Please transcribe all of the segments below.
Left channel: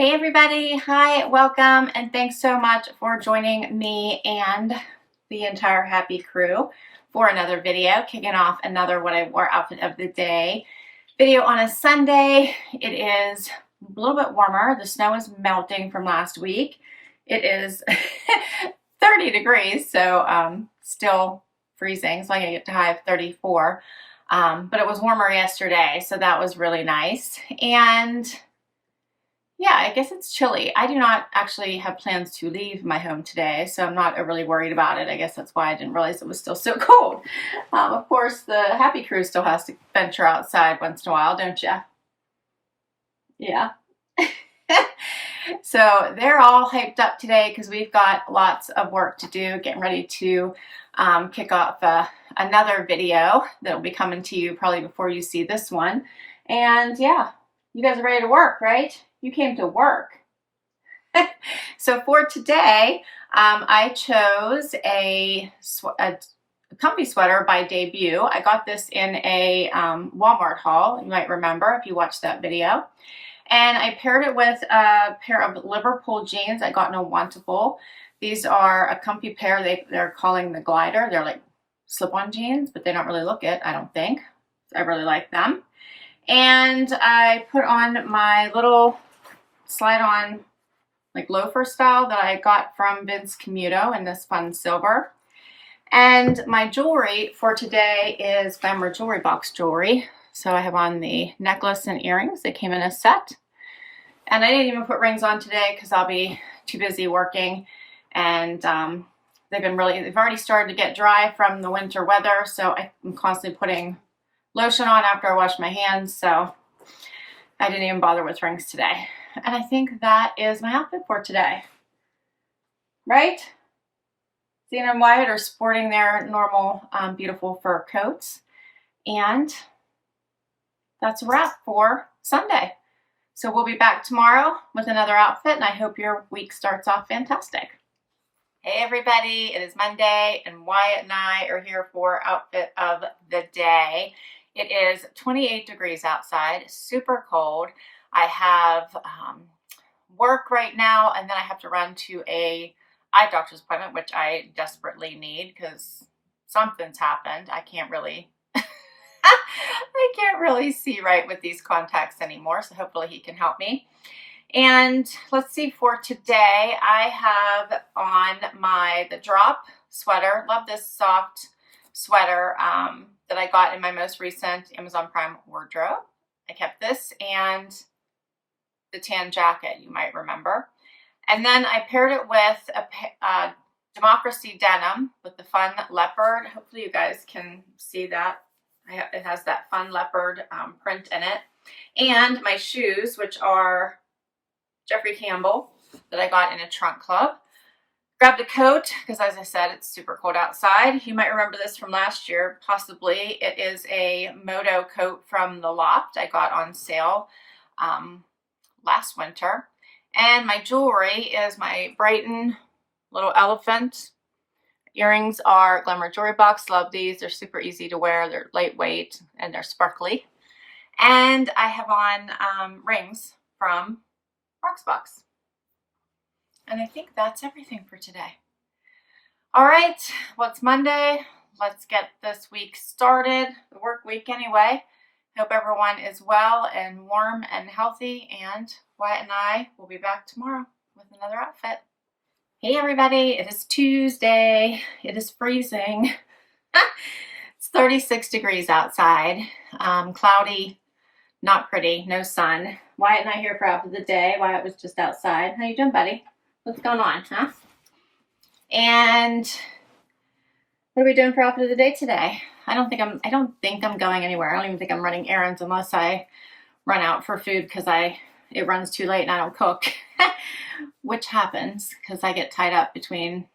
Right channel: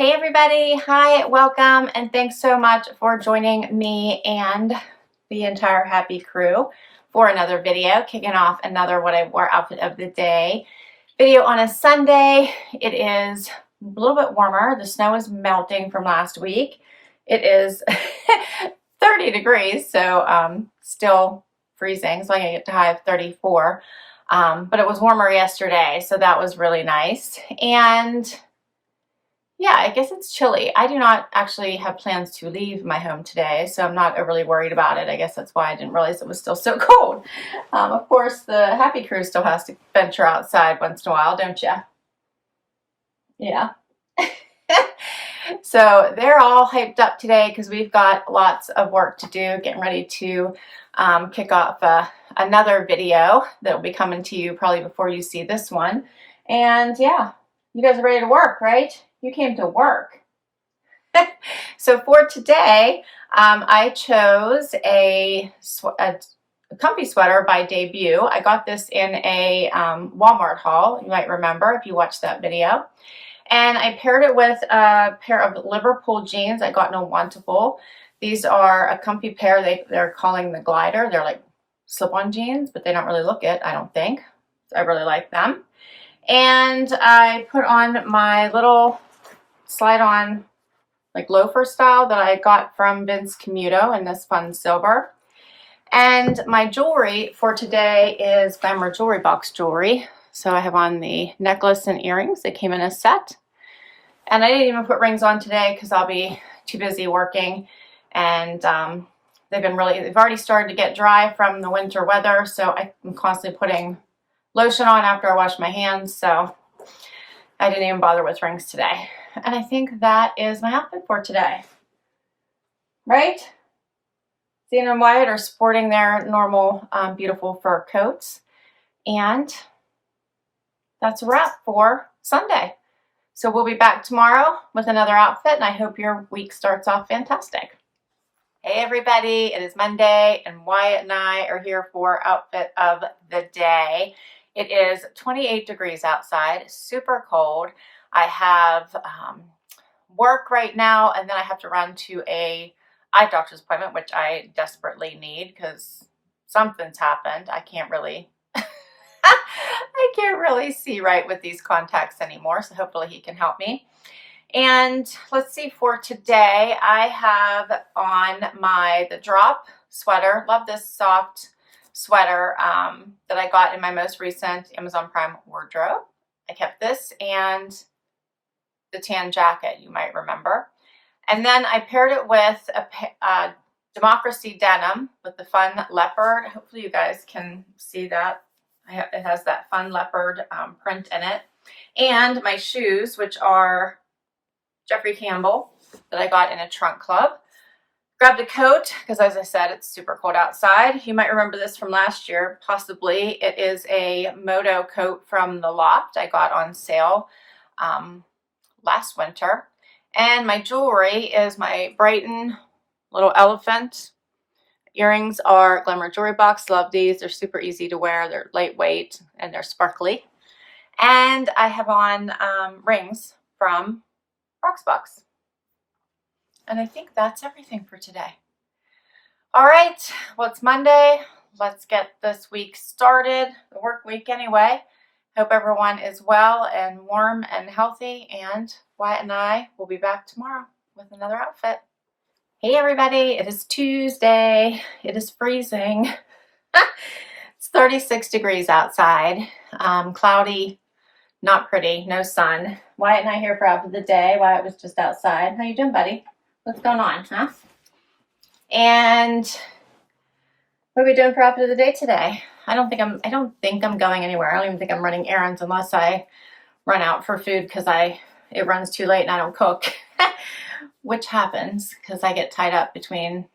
Hey everybody, hi, welcome, and thanks so much for joining me and the entire happy crew for another video, kicking off another what I wore outfit of the day video on a Sunday. It is a little bit warmer. The snow is melting from last week. It is 30 degrees, so still freezing, so I'm gonna get to high of 34. But it was warmer yesterday, so that was really nice. And yeah, I guess it's chilly. I do not actually have plans to leave my home today, so I'm not overly worried about it. I guess that's why I didn't realize it was still so cold. Of course, the happy crew still has to venture outside once in a while, don't you? Yeah. So they're all hyped up today because we've got lots of work to do, getting ready to kick off another video that will be coming to you probably before you see this one. And yeah, you guys are ready to work, right? You came to work. So for today, I chose a comfy sweater by Debut. I got this in a Walmart haul, you might remember if you watched that video. And I paired it with a pair of Liverpool jeans I got in a Wantable. These are a comfy pair. They're calling the glider. They're like slip-on jeans, but they don't really look it, I don't think. I really like them. And I put on my little slide-on like loafer style that I got from Vince Camuto in this fun silver. And my jewelry for today is Glamour Jewelry Box jewelry. So I have on the necklace and earrings. They came in a set. And I didn't even put rings on today because I'll be too busy working. And they've already started to get dry from the winter weather. So I'm constantly putting lotion on after I wash my hands. So I didn't even bother with rings today. And I think that is my outfit for today. Right? Zena and Wyatt are sporting their normal beautiful fur coats. And that's a wrap for Sunday. So we'll be back tomorrow with another outfit, and I hope your week starts off fantastic. Hey everybody, it is Monday, and Wyatt and I are here for outfit of the day. It is 28 degrees outside, super cold. I have work right now, and then I have to run to a eye doctor's appointment, which I desperately need because something's happened. I can't really see right with these contacts anymore, so hopefully he can help me. And let's see, for today I have on the drop sweater. Love this soft sweater that I got in my most recent Amazon Prime wardrobe. I kept this and the tan jacket, you might remember. And then I paired it with a Democracy denim with the fun leopard. Hopefully you guys can see that. It has that fun leopard print in it. And my shoes, which are Jeffrey Campbell that I got in a trunk club. Grabbed a coat because, as I said, it's super cold outside. You might remember this from last year, possibly. It is a Moto coat from the Loft I got on sale last winter. And my jewelry is my Brighton little elephant. Earrings are Glamour Jewelry Box. Love these. They're super easy to wear. They're lightweight and they're sparkly. And I have on rings from Rocksbox. And I think that's everything for today. All right, well, it's Monday. Let's get this week started, the work week anyway. Hope everyone is well and warm and healthy, and Wyatt and I will be back tomorrow with another outfit. Hey everybody, it is Tuesday. It is freezing. It's 36 degrees outside. Cloudy, not pretty, no sun. Wyatt and I here for outfit of the day. Wyatt was just outside. How you doing, buddy? What's going on, huh? And what are we doing for outfit of the day today? I don't think I'm going anywhere. I don't even think I'm running errands unless I run out for food because it runs too late and I don't cook. Which happens because I get tied up between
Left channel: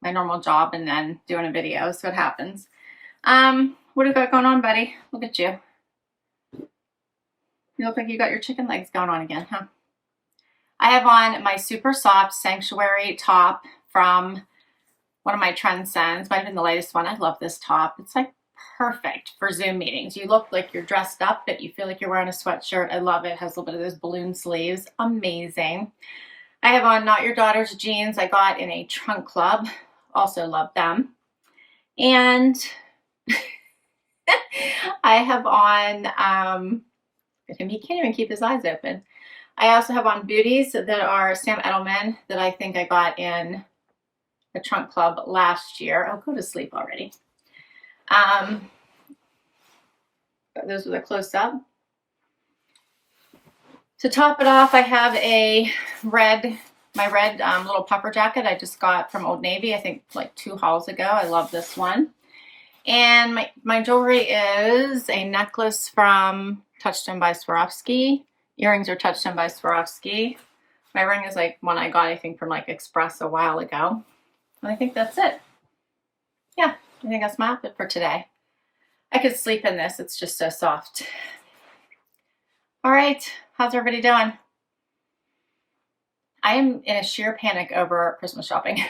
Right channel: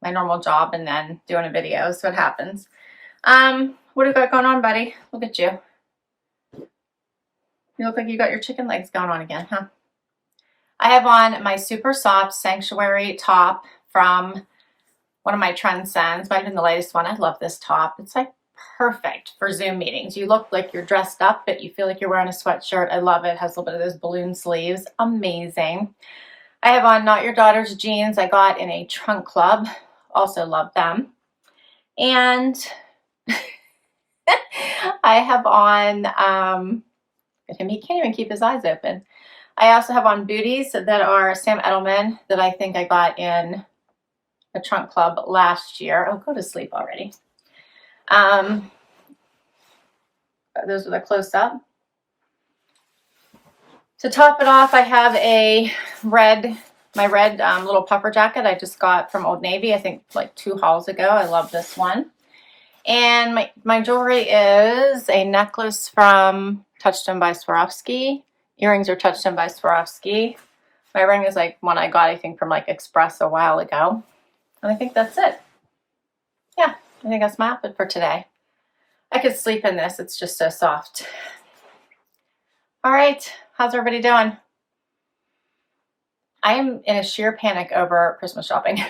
my normal job and then doing a video, so it happens. What do you got going on, buddy? Look at you. You look like you got your chicken legs going on again, huh? I have on my super soft Sanctuary top from one of my Trendsends. Might have been the latest one. I love this top. It's like perfect for Zoom meetings. You look like you're dressed up, but you feel like you're wearing a sweatshirt. I love it. It has a little bit of those balloon sleeves. Amazing. I have on Not Your Daughter's jeans I got in a trunk club. Also love them. And I have on, he can't even keep his eyes open. I also have on booties that are Sam Edelman that I think I got in a trunk club last year. Oh, go to sleep already. Those are the close-up. To top it off, I have my red little puffer jacket I just got from Old Navy, I think like 2 hauls ago. I love this one. And my jewelry is a necklace from Touchstone by Swarovski. Earrings are Touchstone by Swarovski. My ring is like one I got, I think, from like Express a while ago. And I think that's it. Yeah, I think that's my outfit for today. I could sleep in this. It's just so soft. All right. How's everybody doing? I am in a sheer panic over Christmas shopping.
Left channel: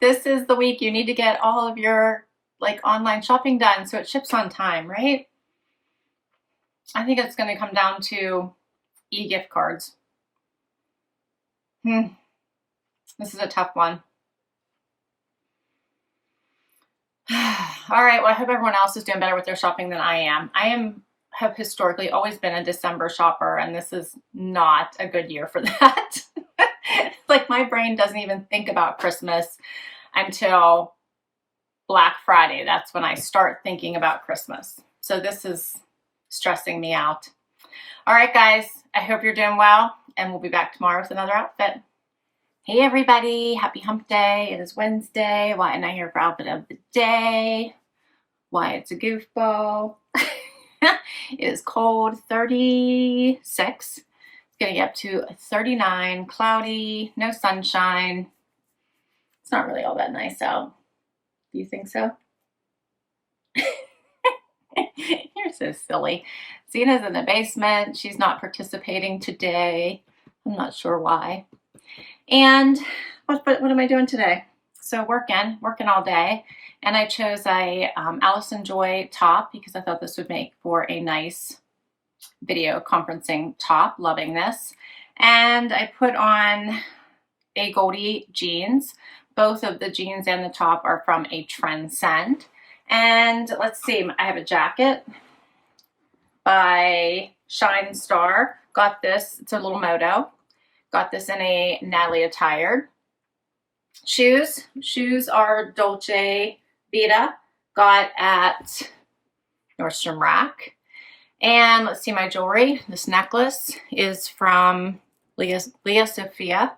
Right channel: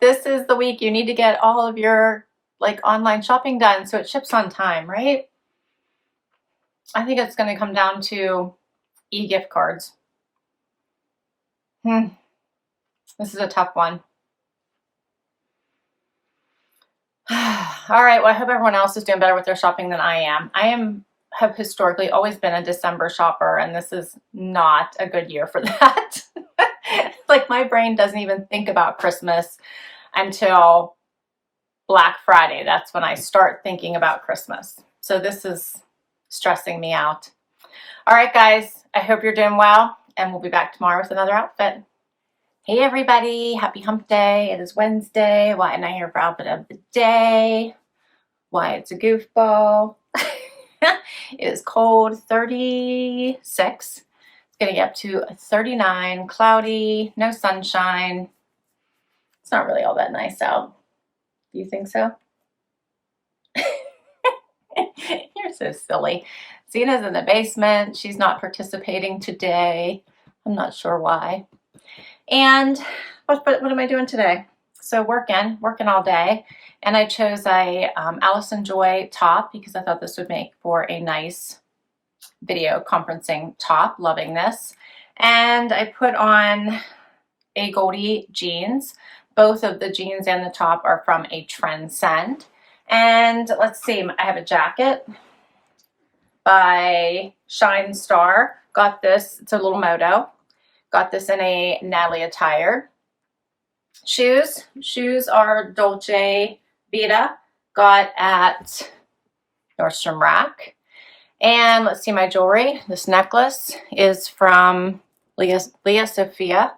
This is the week you need to get all of your like online shopping done so it ships on time, right? I think it's going to come down to e-gift cards. This is a tough one. All right, well, I hope everyone else is doing better with their shopping than I am. Have historically always been a December shopper, and this is not a good year for that. Like, my brain doesn't even think about Christmas until Black Friday. That's when I start thinking about Christmas. So this is stressing me out. All right, guys, I hope you're doing well, and we'll be back tomorrow with another outfit. Hey everybody, happy hump day. It is Wednesday. Wyatt and I here for outfit of the day. Wyatt's a goofball. It is cold, 36. It's gonna get up to 39, cloudy, no sunshine. It's not really all that nice out. Do you think so? You're so silly. Zena's in the basement. She's not participating today. I'm not sure why. And what am I doing today? So working all day. And I chose a Allison Joy top because I thought this would make for a nice video conferencing top. Loving this. And I put on Agolde jeans. Both of the jeans and the top are from a Trendsend. And let's see, I have a jacket by ShineStar. Got this, it's a little moto. Got this in a Natalie Attired. Shoes are DolceVita. Got at Nordstrom Rack. And let's see my jewelry. This necklace is from Lia Sophia.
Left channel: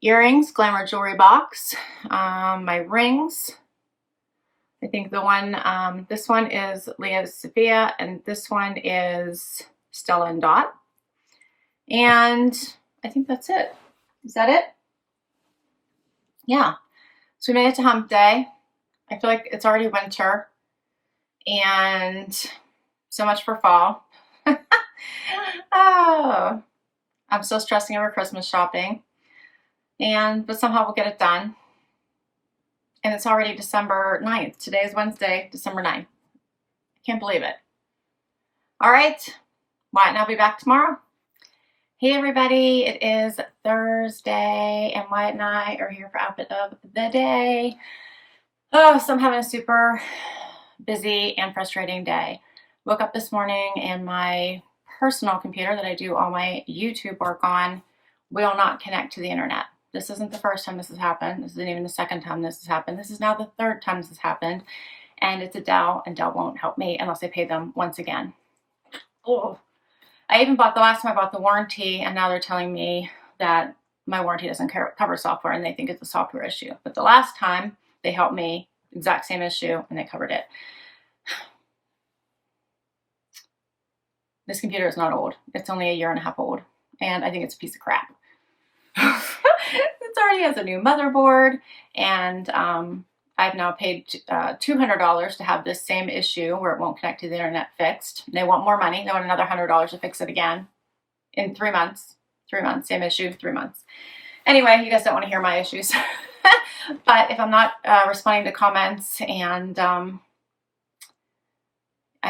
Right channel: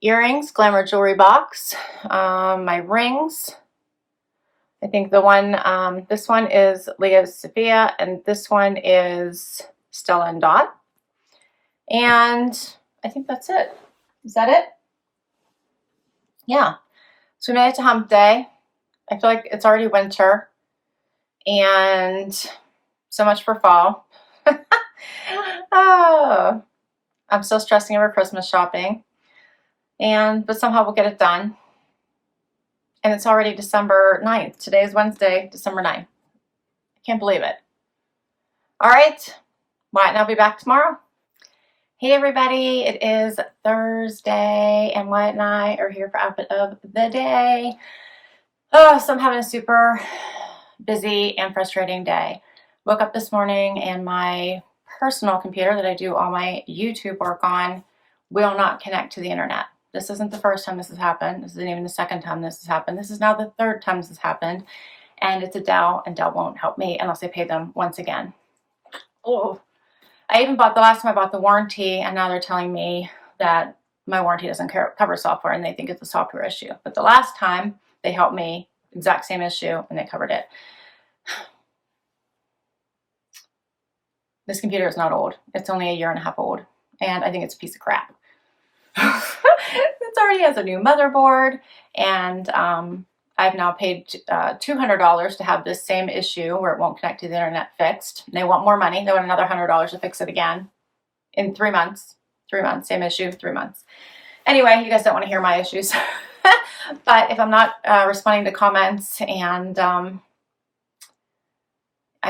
Earrings, Glamour Jewelry Box. My rings. I think the one, this one is Lia Sophia, and this one is Stella Dot. And I think that's it. Is that it? Yeah. So we made it to hump day. I feel like it's already winter. And so much for fall. Oh, I'm still stressing over Christmas shopping. But somehow we'll get it done. And it's already December 9th. Today is Wednesday, December 9th. I can't believe it. All right. Wyatt and I'll be back tomorrow. Hey everybody, it is Thursday and Wyatt and I are here for outfit of the day. Oh, so I'm having a super busy and frustrating day. Woke up this morning and my personal computer that I do all my YouTube work on will not connect to the internet. This isn't the first time this has happened. This isn't even the second time this has happened. This is now the third time this has happened. And it's a Dell, and Dell won't help me unless I pay them once again. Oh, I even bought, the last time I bought the warranty, and now they're telling me that my warranty doesn't cover software, and they think it's a software issue. But the last time they helped me, exact same issue, and they covered it. This computer is not old. It's only 1.5 years old, and I think it's a piece of crap. It already has a new motherboard, and I've now paid $200 to have this same issue where it won't connect to the internet fixed. They want more money. They want another $100 to fix it again in 3 months. 3 months, same issue, 3 months. Anyway, you guys don't want to hear my issues. But if I'm not responding to comments and I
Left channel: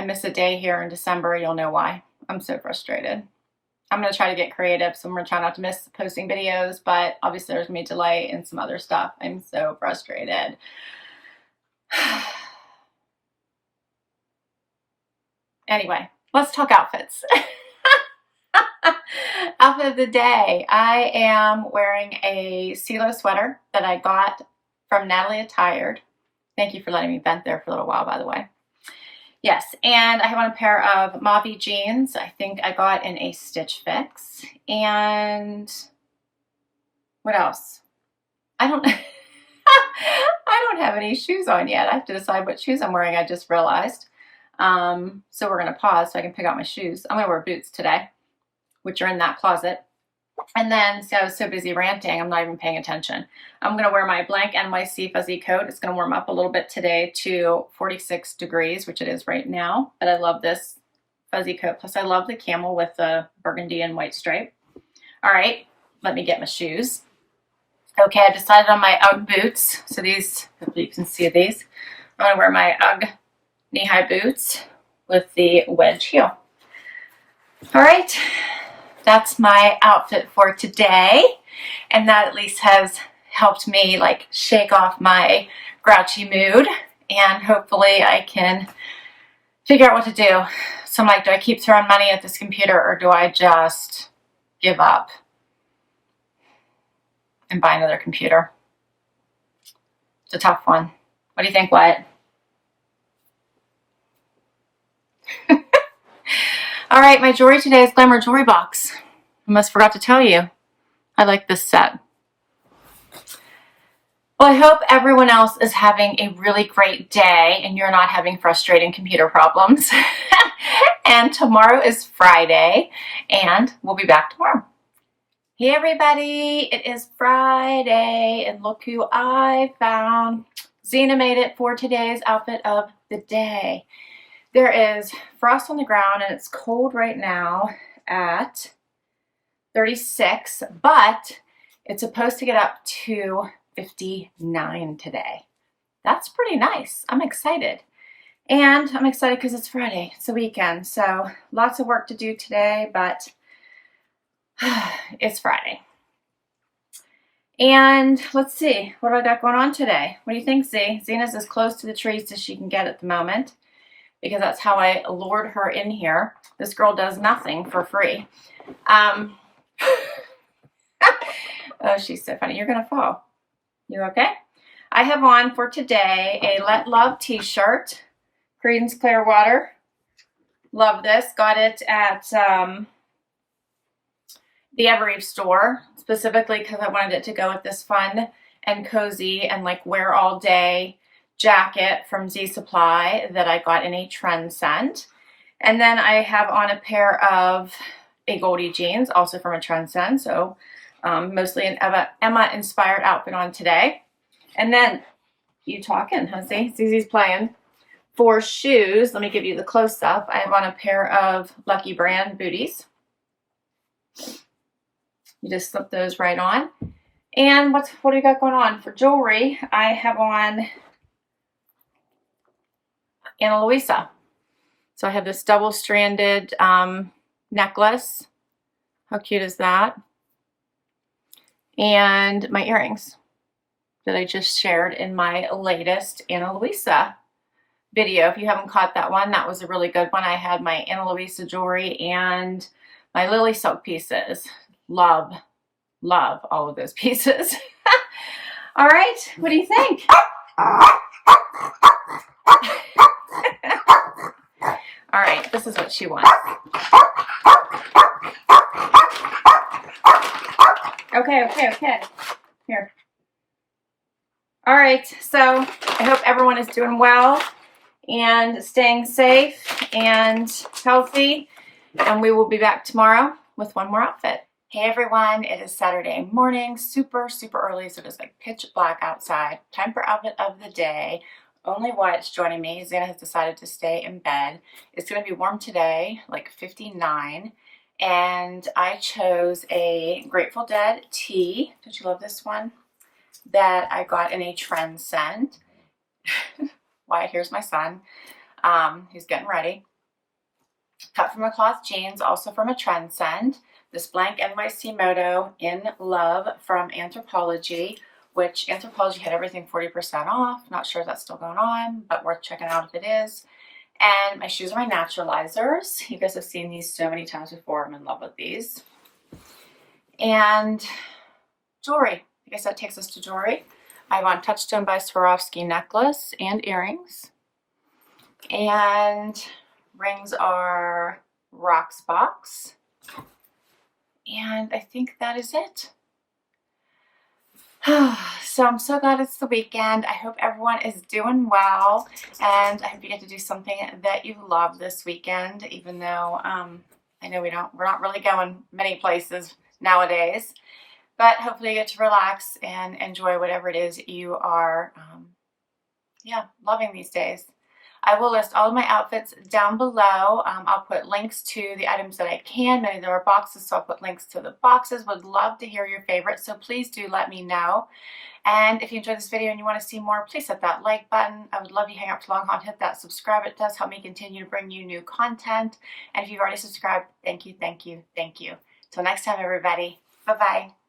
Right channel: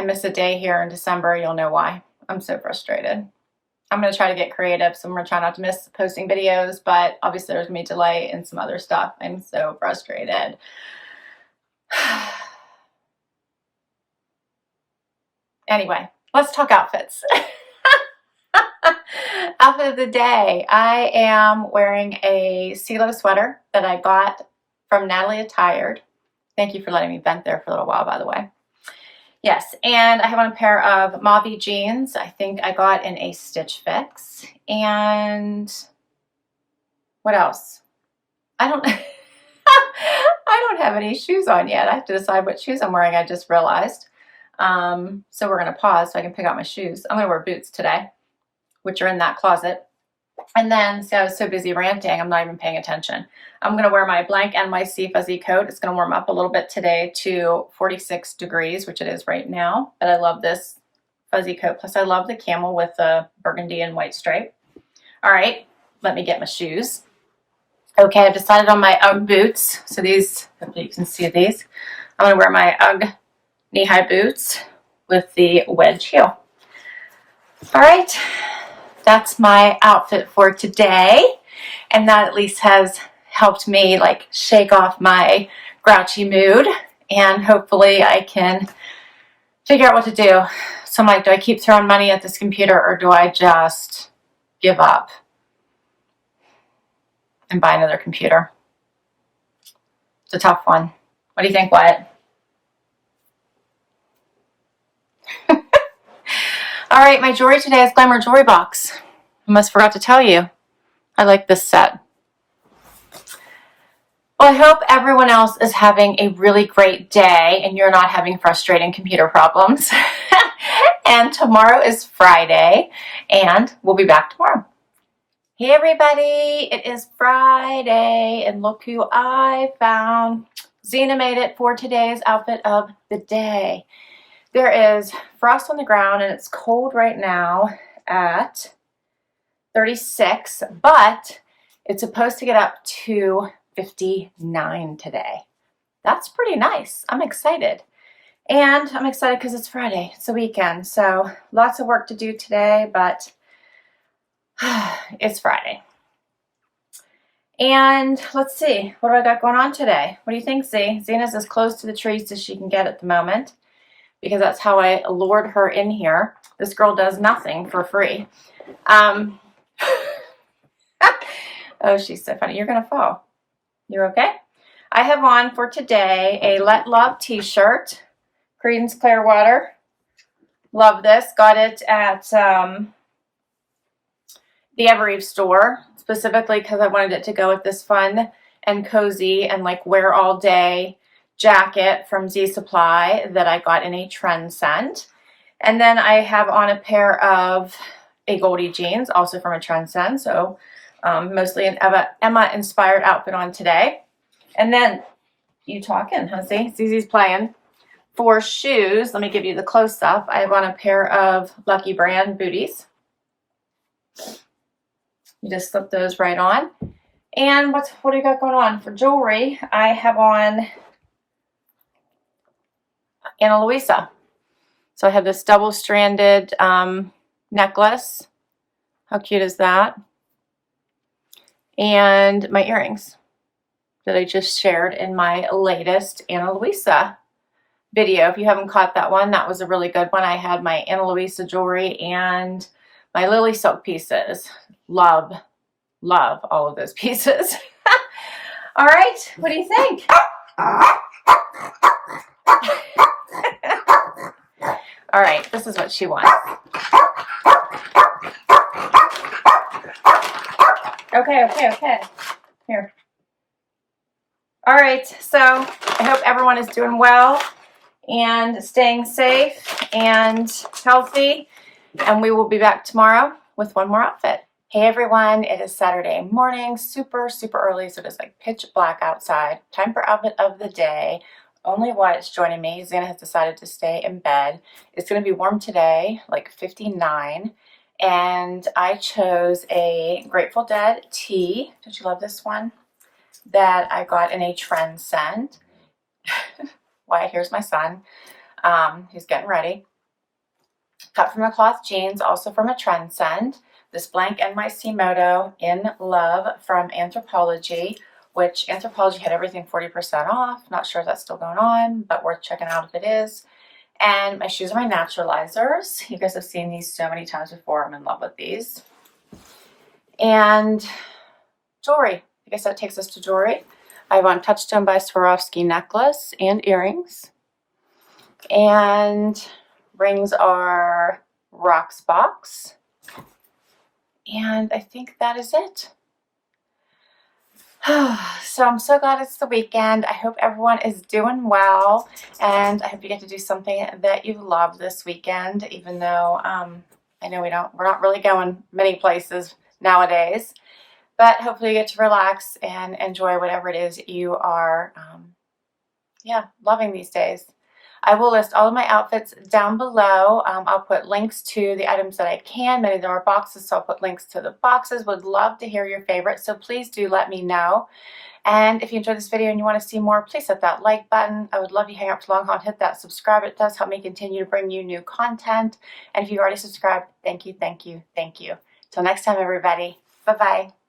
miss a day here in December, you'll know why. I'm so frustrated. I'm going to try to get creative, so I'm going to try not to miss posting videos, but obviously there's going to be delay and some other stuff. I'm so frustrated. Anyway, let's talk outfits. Outfit of the day. I am wearing a CeeLo sweater that I got from Natalie Attired. Thank you for letting me vent there for a little while, by the way. Yes, and I have on a pair of mauve jeans. I think I got in a Stitch Fix. And what else? I don't have any shoes on yet. I have to decide what shoes I'm wearing, I just realized. So we're going to pause so I can pick out my shoes. I'm going to wear boots today, which are in that closet. And then, see, I was so busy ranting, I'm not even paying attention. I'm going to wear my blank NYC fuzzy coat. It's going to warm up a little bit today to 46 degrees, which it is right now. But I love this fuzzy coat. Plus, I love the camel with the burgundy and white stripe. All right, let me get my shoes. Okay, I've decided on my UGG boots. So these, hopefully you can see these. I'm going to wear my UGG knee-high boots with the wedge heel. All right. That's my outfit for today, and that at least has helped me like shake off my grouchy mood, and hopefully I can figure out what to do. So I'm like, do I keep throwing money at this computer, or do I just give up and buy another computer? It's a tough one. What do you think, Wyatt? All right, my jewelry today is Glamour Jewelry Box. I almost forgot to tell you. I like this set. Well, I hope everyone else is having a really great day and you're not having frustrating computer problems. And tomorrow is Friday, and we'll be back tomorrow. Hey everybody, it is Friday, and look who I found. Zena made it for today's outfit of the day. There is frost on the ground, and it's cold right now at 36, but it's supposed to get up to 59 today. That's pretty nice. I'm excited. And I'm excited because it's Friday. It's the weekend, so lots of work to do today, but it's Friday. And let's see, what do I got going on today? What do you think, Z? Zena's as close to the trees as she can get at the moment, because that's how I lured her in here. This girl does nothing for free. Oh, she's so funny. You're going to fall. You're okay? I have on for today a Let Love t-shirt. Creedence Clearwater. Love this. Got it at the Evereve store, specifically because I wanted it to go with this fun and cozy and like wear all day jacket from Z Supply that I got in a Trendsend. And then I have on a pair of Agolde jeans, also from a Trendsend. So mostly an Emma inspired outfit on today. And then you talking, huh? See, Zizi's playing. For shoes, let me give you the close up. I have on a pair of Lucky Brand booties. You just slip those right on. And what do you got going on? For jewelry, I have on Ana Luisa. So I have this double-stranded necklace. How cute is that? And my earrings that I just shared in my latest Ana Luisa video. If you haven't caught that one, that was a really good one. I had my Ana Luisa jewelry and my Lily silk pieces. Love all of those pieces. All right, what do you think? All right, this is what she wants. Okay. Here. All right, so I hope everyone is doing well and staying safe and healthy, and we will be back tomorrow with one more outfit. Hey everyone, it is Saturday morning, super early, so it is like pitch black outside. Time for outfit of the day. Only Wyatt's joining me. Zena has decided to stay in bed. It's going to be warm today, like 59, and I chose a Grateful Dead tee. Don't you love this one? that I got in a Trendsend. Wyatt, here's my son. He's getting ready. Cut from a cloth jeans, also from a Trendsend. This blank NYC Moto in Love from Anthropologie, which Anthropologie had everything 40% off. Not sure if that's still going on, but worth checking out if it is. And my shoes are my Naturalizers. You guys have seen these so many times before. I'm in love with these. And jewelry. I guess that takes us to jewelry. I have on Touchstone by Swarovski necklace and earrings. And rings are Rocksbox. And I think that is it. So I'm so glad it's the weekend. I hope everyone is doing well, and I hope you get to do something that you love this weekend, even though I know we're not really going many places nowadays, but hopefully you get to relax and enjoy whatever it is you are loving these days. I will list all of my outfits down below. I'll put links to the items that I can. Many of them are boxes, so I'll put links to the boxes. Would love to hear your favorites, so please do let me know. And if you enjoyed this video and you want to see more, please hit that like button. I would love you hang up to long haul and hit that subscribe. It does help me continue to bring you new content. And if you've already subscribed, thank you, thank you, thank you. Till next time, everybody. Bye-bye.